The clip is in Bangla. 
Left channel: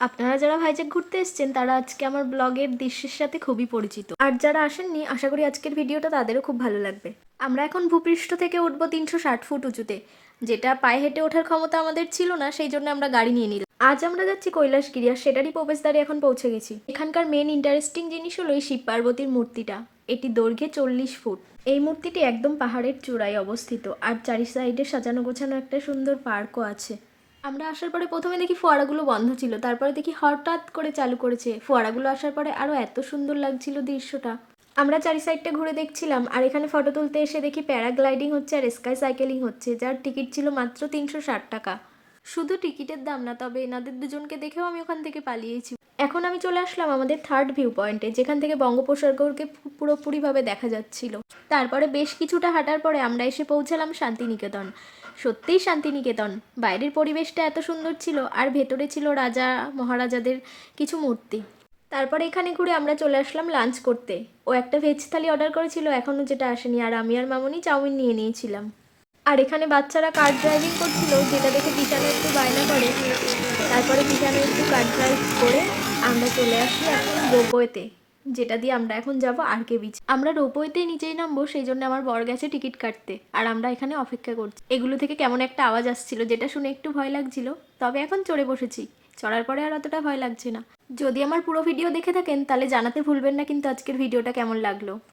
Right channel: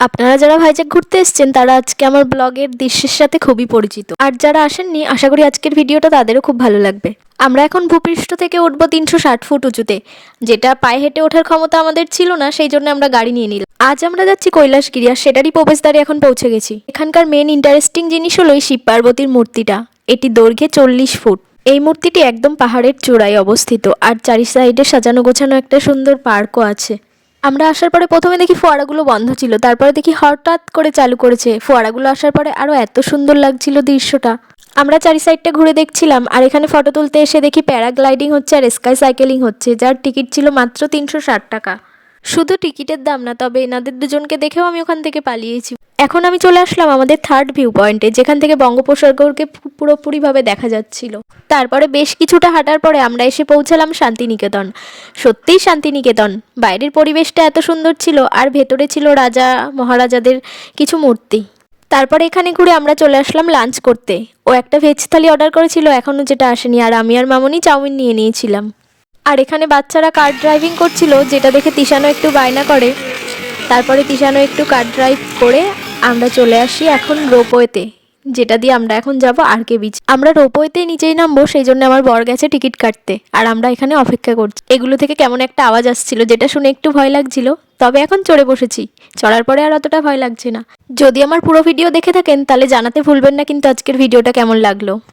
আপনারা যারা ভাইজ্যাক ঘুরতে এসছেন, তারা আজকে আমার ব্লগের দৃশ্যের সাথে খুবই পরিচিত। আর যারা আসেননি, আশা করি আজকের ভিডিওটা তাদেরও খুব ভালো লাগবে। আমরা এখন ভূপৃষ্ঠ থেকে উঠবো তিনশো ষাট ফুট উঁচুতে, যেটা পায়ে হেঁটে ওঠার ক্ষমতা আমাদের ছিল না, সেই জন্য আমরা গাড়ি নিয়ে নিলাম। আজ আমরা যাচ্ছি কৈলাসগিরি আর সেটারই প্রবেশদ্বারে এখন পৌঁছে গেছি। এখানকার মেন ইন্টারেস্টিং জিনিস হলো এই শিব পার্বতীর মূর্তিটা। এটি দৈর্ঘ্যে চল্লিশ ফুট। এই মূর্তিটি একদম পাহাড়ের চূড়ায় অবস্থিত, আর চারি সাইডে সাজানো গোছানো একটা সুন্দর পার্কও আছে। আমরা আসার পরে প্রথমে দেখি ফোয়ারাগুলো বন্ধ ছিল, তারপরে দেখি হঠাৎ করে চালু করেছে। ফোয়ারাগুলো আসার পরে আরও এত সুন্দর লাগছিল দৃশ্যটা। আমরা চারি সাইডটা ঘুরে দেখছিলাম, আর এখানে ফটো তুলতে এসে দেখি প্যারাগ্লাইডিং হচ্ছে আর স্কাই সাইকেলিং হচ্ছে, যার টিকিট ছিল মাত্র তিনশো ষাট টাকা। শুধু টিকিটের দাম না, তবে এনাদের দুজনকে দেখেও আমি ওখান থেকে পালিয়েছি। এখন আমি চলে আসলাম আমাদের থার্ড ভিউ পয়েন্টে যেখান থেকে বঙ্গোপসাগরকে পুরোপুরিভাবে দেখা যাচ্ছিল। তারপরে বেশ কিছুটা হাঁটার পরে আমরা এসে পৌঁছালাম শান্তিনিকেতন। সত্যিই শান্তিনিকেতন। বাইরের পরিবেশটা এত সুন্দর ছিল, আর ভেতরে ছিল রাজা, মহারাজাদের কিছু মূর্তি। তারপরে এখানে ঘুরে আমরা চলে আসলাম লাঞ্চ করতে। ও একটা ভেজ থালি অর্ডার করেছিল এখনও যেটা আসেনি, আর আমি আর মামনি চাউমিন নিয়ে নিয়েছিলাম। আর এখানে বাচ্চারা কার ড্রাইভিং করছিল, যেটা দেখে তিশানো একটু বায়না করে। তারপরে তিশানো একটু কার ড্রাইভ করে আমরা চলে আসি এখন রোপওয়েতে, যেটা দিয়ে আমরা এখন যাব আর কে বিচ আমরা রোপওয়েতে নিচেই নামবো, সেই জন্য আমার বর গেছে টিকিট কাটতে, আর আমরা এখানে অপেক্ষা করছি। এগুলো থেকে কেমন একটা আওয়াজ আসছিল, যেটা শুনে একটু ভয় লাগছিল, তবে এখন চড়ে বসেছি। চড়ার পরে আর অতটা ভয় লাগছে না। যদি আমার পুরো ভিডিও দেখে থাকেন, তাহলে জানাতে ভুলবেন না, কিন্তু আজকের ভিডিওটা কেমন লাগল।